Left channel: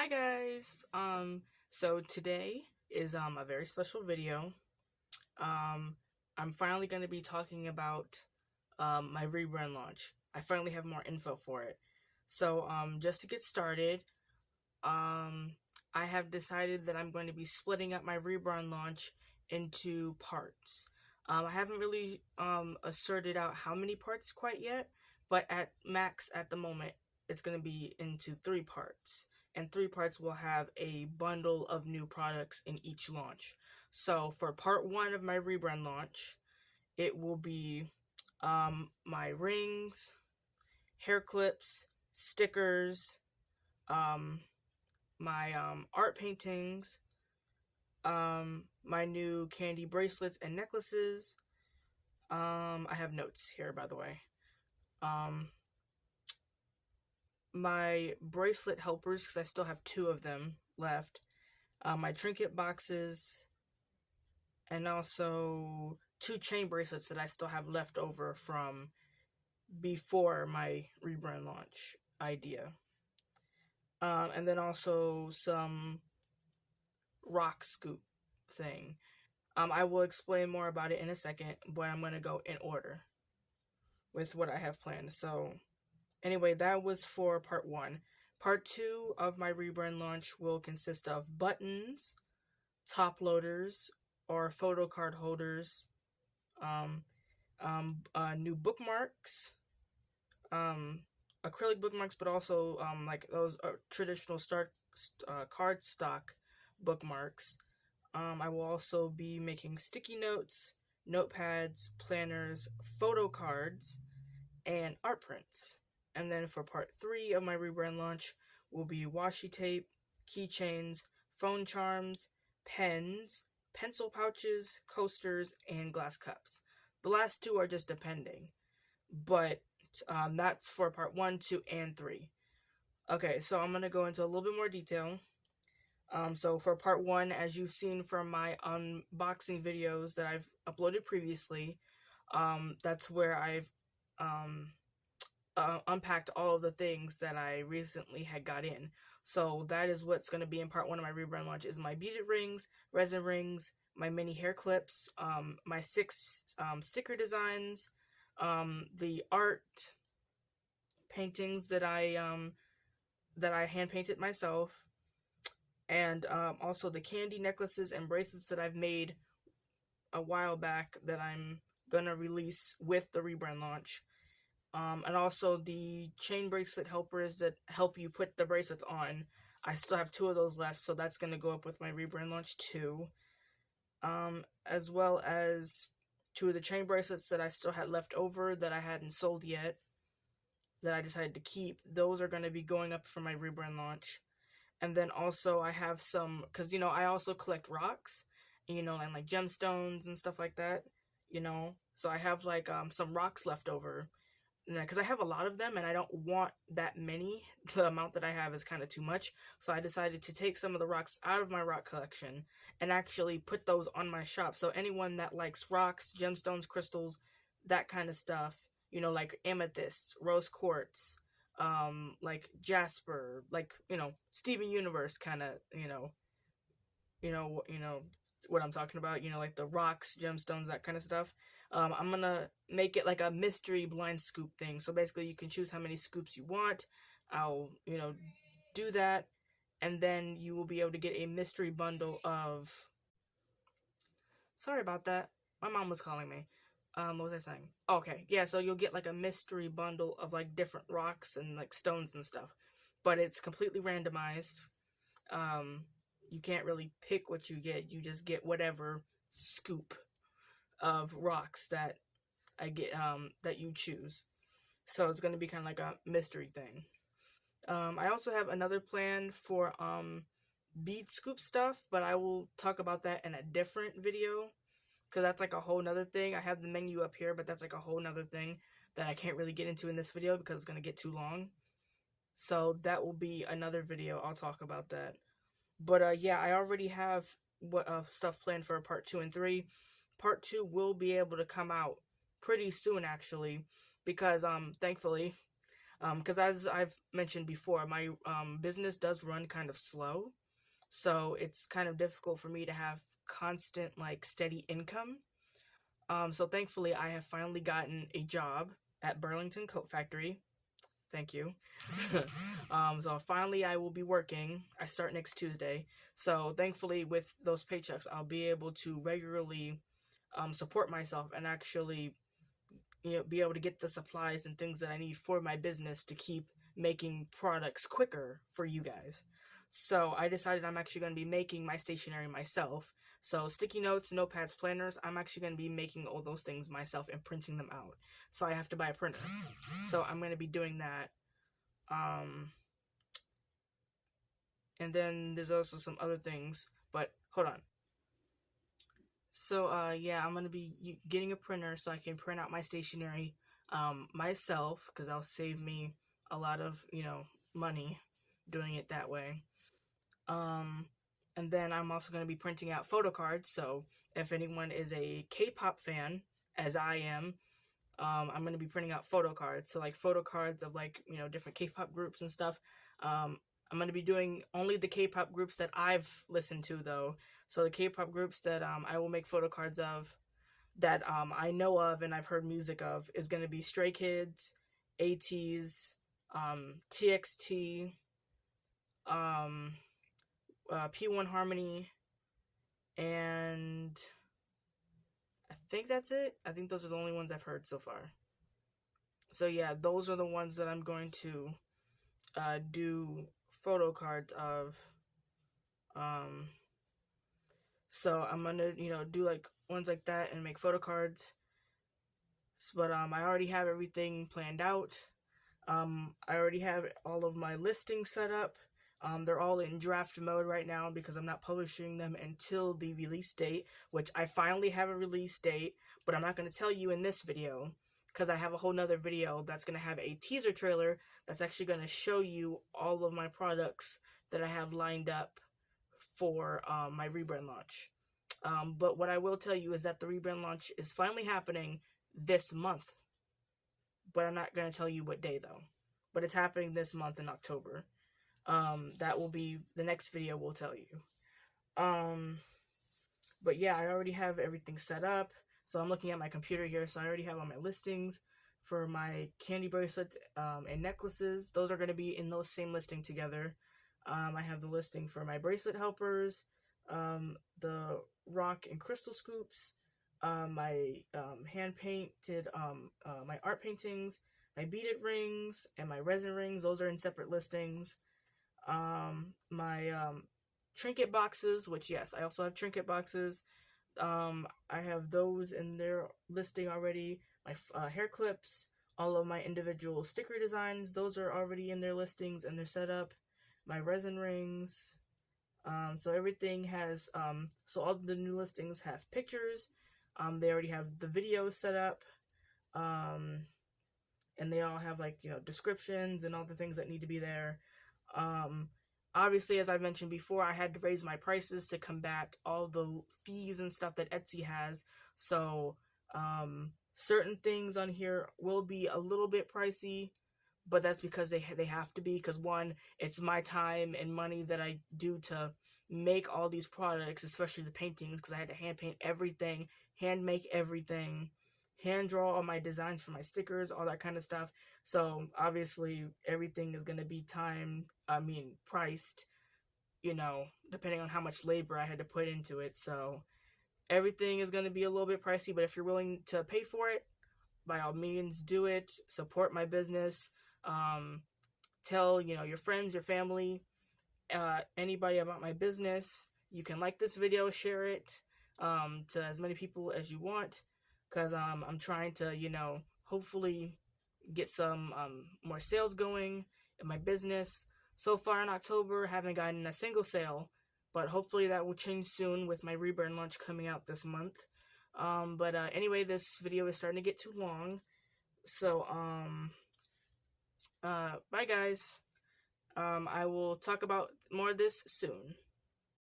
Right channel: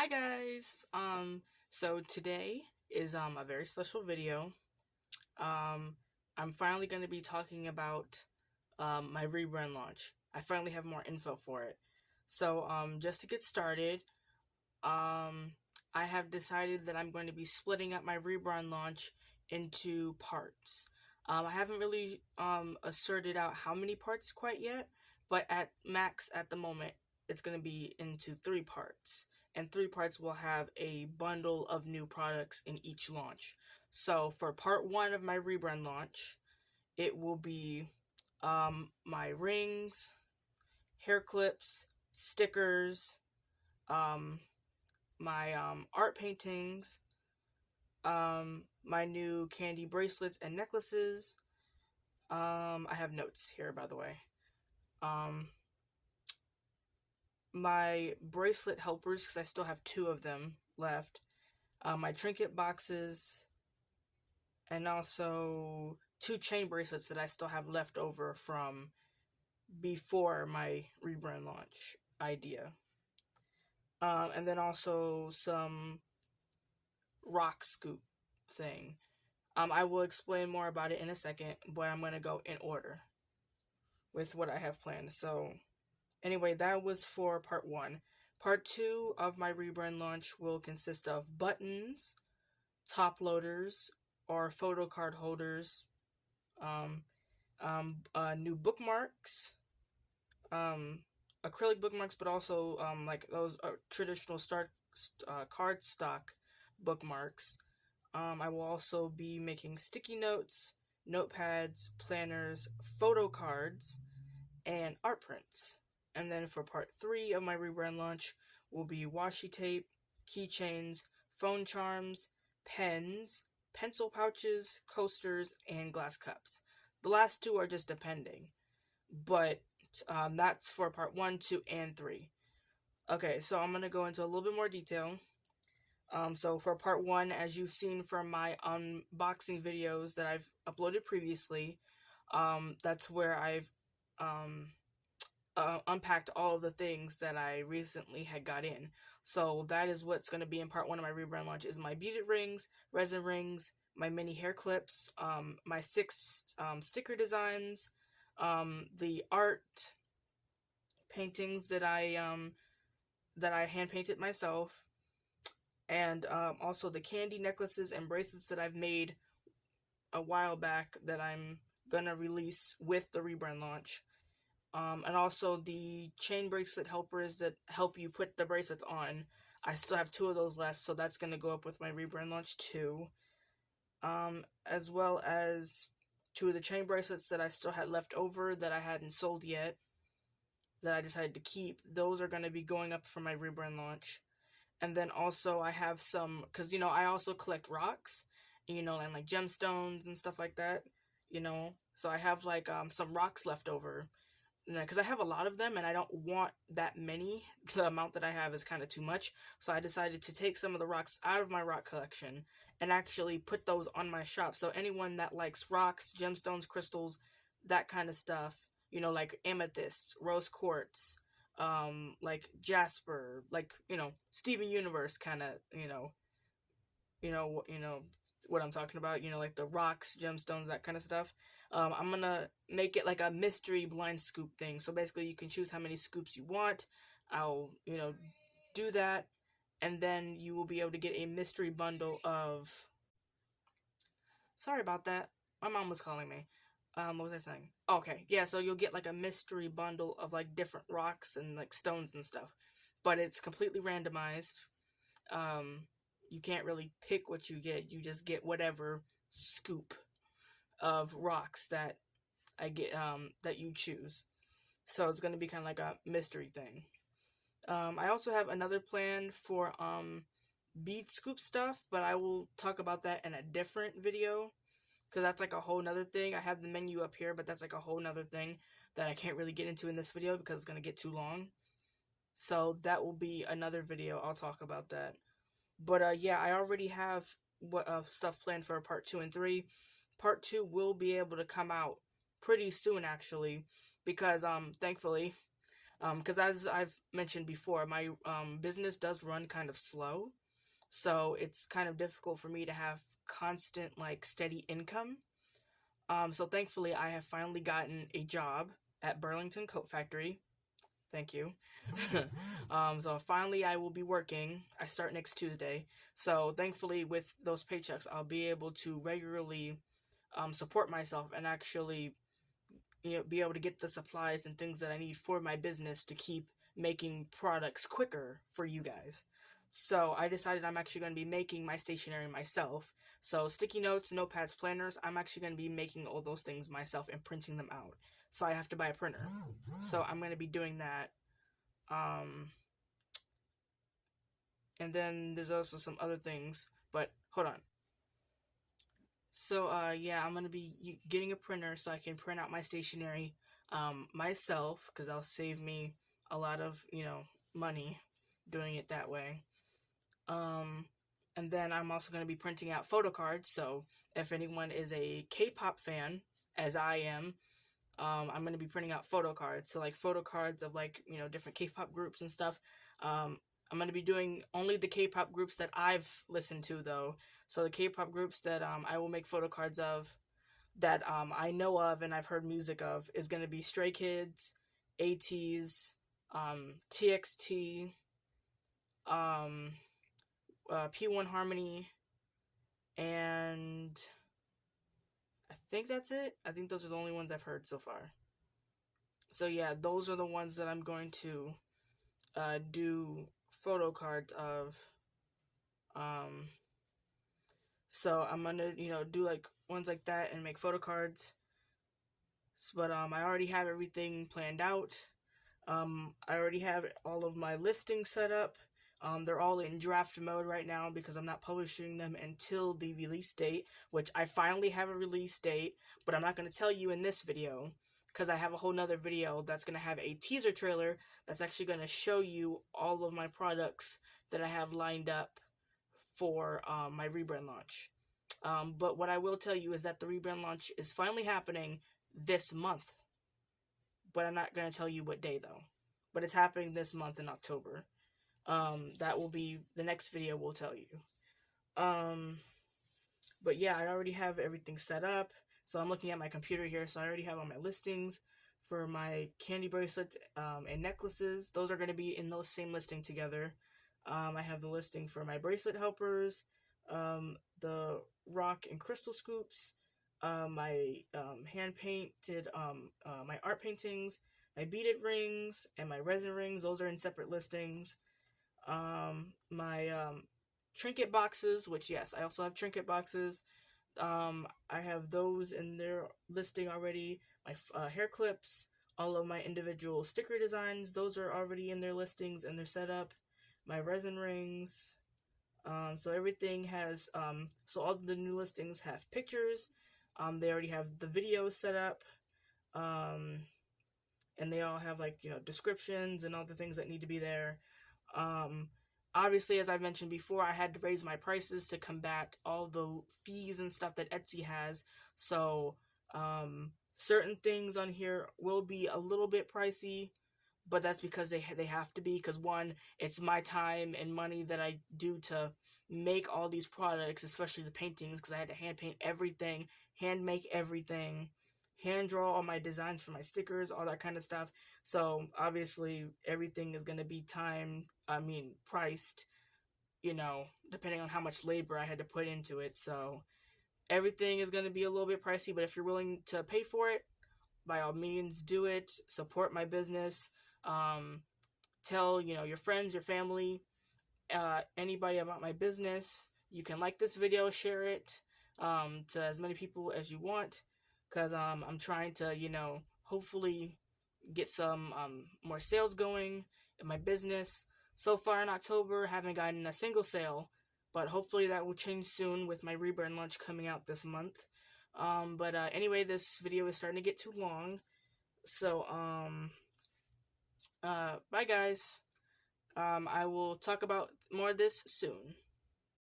Hi guys. So today is a very special video. Um I'm finally going to be talking about my rebrand launch. I finally have more info for it. So just to get started, um I have decided that I'm going to be splitting up my rebrand launch into parts. I haven't really asserted out how many parts quite yet, but at max at the moment it's going to be into 3 parts. And 3 parts will have a bundle of new products in each launch. So for part 1 of my rebrand launch, it will be my rings, hair clips, stickers, um, my art paintings, my new candy bracelets and necklaces. I have notes here, by the way. Um, my bracelet helpers, because I still have 2 of them left. My trinket boxes, and also 2 chain bracelets that I still have left over from before my rebrand launch idea. And then also some rock scoop thing. I will explain more about it in a second, but I'm going to go in order with what I have planned. So, anyway, that was for part 1. Part 2 of my rebrand launch will consist of buttons, top loaders, or photo card holders, new bookmarks, acrylic bookmarks, but also like those traditional card stock bookmarks. I will also be making sticky notes, notepads, planners, photo cards, and art prints. And then for part 3 of my rebrand launch will be washi tape, keychains, phone charms, pens, pencil pouches, coasters, and glass cups. The last 2 are just depending, but that's for part 1, 2, and 3. Okay, so I'm going to go into a little bit more detail. So for part 1, as you've seen from my unboxing videos that I've uploaded previously, that's where I've unpacked all of the things that I recently had got in. So that is what's going to be in part 1 of my rebrand launch: is my beaded rings, resin rings, my mini hair clips, my 6 sticker designs, the art paintings that I hand painted myself, and also the candy necklaces and bracelets that I've made a while back that I'm gonna release with the rebrand launch. And also the chain bracelet helpers that help you put the bracelets on. I still have 2 of those left, so that's gonna go up with my rebrand launch too. As well as 2 of the chain bracelets that I still had left over that I hadn't sold yet, that I decided to keep. Those are gonna be going up for my rebrand launch. And then also I have some, because, I also collect rocks, and like gemstones and stuff like that, So I have like some rocks left over, because I have a lot of them and I don't want that many. The amount that I have is kind of too much. So I decided to take some of the rocks out of my rock collection and actually put those on my shop. So anyone that likes rocks, gemstones, crystals, that kind of stuff, like amethyst, rose quartz, like jasper, like, Steven Universe kind of, what I'm talking about, like the rocks, gemstones, that kind of stuff. I'm gonna make it like a mystery blind scoop thing. So basically you can choose how many scoops you want. I'll, do that, and then you will be able to get a mystery bundle of... Sorry about that. My mom was calling me. What was I saying? Okay, yeah, so you'll get like a mystery bundle of like different rocks and like stones and stuff. But it's completely randomized. You can't really pick what you get. You just get whatever scoop of rocks that I get, that you choose. So it's going to be kind of like a mystery thing. I also have another plan for bead scoop stuff, but I will talk about that in a different video, because that's like a whole nother thing. I have the menu up here, but that's like a whole nother thing that I can't really get into in this video because it's going to get too long. So that will be another video. I'll talk about that. But yeah, I already have stuff planned for part 2 and 3. Part 2 will be able to come out pretty soon, actually, because thankfully Because as I've mentioned before, my business does run kind of slow, so it's kind of difficult for me to have constant, like, steady income. So thankfully, I have finally gotten a job at Burlington Coat Factory. Thank you. So finally, I will be working. I start next Tuesday. So thankfully, with those paychecks, I'll be able to regularly support myself and actually, be able to get the supplies and things that I need for my business to keep making products quicker for you guys. So I decided I'm actually going to be making my stationery myself. So sticky notes, notepads, planners, I'm actually going to be making all those things myself and printing them out. So I have to buy a printer. So I'm going to be doing that. And then there's also some other things, but hold on. So yeah, I'm going to be getting a printer so I can print out my stationery myself, because that'll save me a lot of, money doing it that way. And then I'm also going to be printing out photo cards. So if anyone is a K-pop fan, as I am, I'm going to be printing out photo cards. So like photo cards of, like, different K-pop groups and stuff. I'm going to be doing only the K-pop groups that I've listened to, though. So the K-pop groups that I will make photo cards of, that I know of and I've heard music of, is going to be Stray Kids, ATEEZ, TXT, P1 Harmony, and I think that's it. I think those are the only ones I've heard so far. So yeah, those are the ones that I'm going to do photo cards of. So I'm gonna, do like ones like that and make photo cards. But I already have everything planned out. I already have all of my listings set up. They're all in draft mode right now because I'm not publishing them until the release date, which I finally have a release date, but I'm not going to tell you in this video because I have a whole nother video that's going to have a teaser trailer that's actually going to show you all of my products that I have lined up for my rebrand launch. But what I will tell you is that the rebrand launch is finally happening this month. But I'm not going to tell you what day, though. But it's happening this month in October. That will be the next video will tell you. But yeah, I already have everything set up. So I'm looking at my computer here. So I already have all my listings for my candy bracelets and necklaces. Those are going to be in those same listing together. I have the listing for my bracelet helpers, the rock and crystal scoops, my hand painted, my art paintings, my beaded rings, and my resin rings. Those are in separate listings. My trinket boxes, which, yes, I also have trinket boxes. I have those in their listing already. My hair clips, all of my individual sticker designs, those are already in their listings and they're set up. My resin rings. So everything has, so all the new listings have pictures. They already have the video set up. And they all have, like, descriptions and all the things that need to be there. Obviously, as I mentioned before, I had to raise my prices to combat all the fees and stuff that Etsy has. So, certain things on here will be a little bit pricey, but that's because they have to be, because one, it's my time and money that I do to make all these products, especially the paintings, because I had to hand paint everything, hand make everything, hand draw all my designs for my stickers, all that kind of stuff. So obviously everything is going to be priced, depending on how much labor I had to put into it. So everything is going to be a little bit pricey, but if you're willing to pay for it, by all means, do it. Support my business. Tell, your friends, your family, anybody about my business. You can like this video, share it to as many people as you want, because I'm trying to, hopefully get some more sales going in my business. So far in October, haven't gotten a single sale, but hopefully that will change soon with my rebrand launch coming out this month. But anyway, this video is starting to get too long. So, bye guys. I will talk about more of this soon.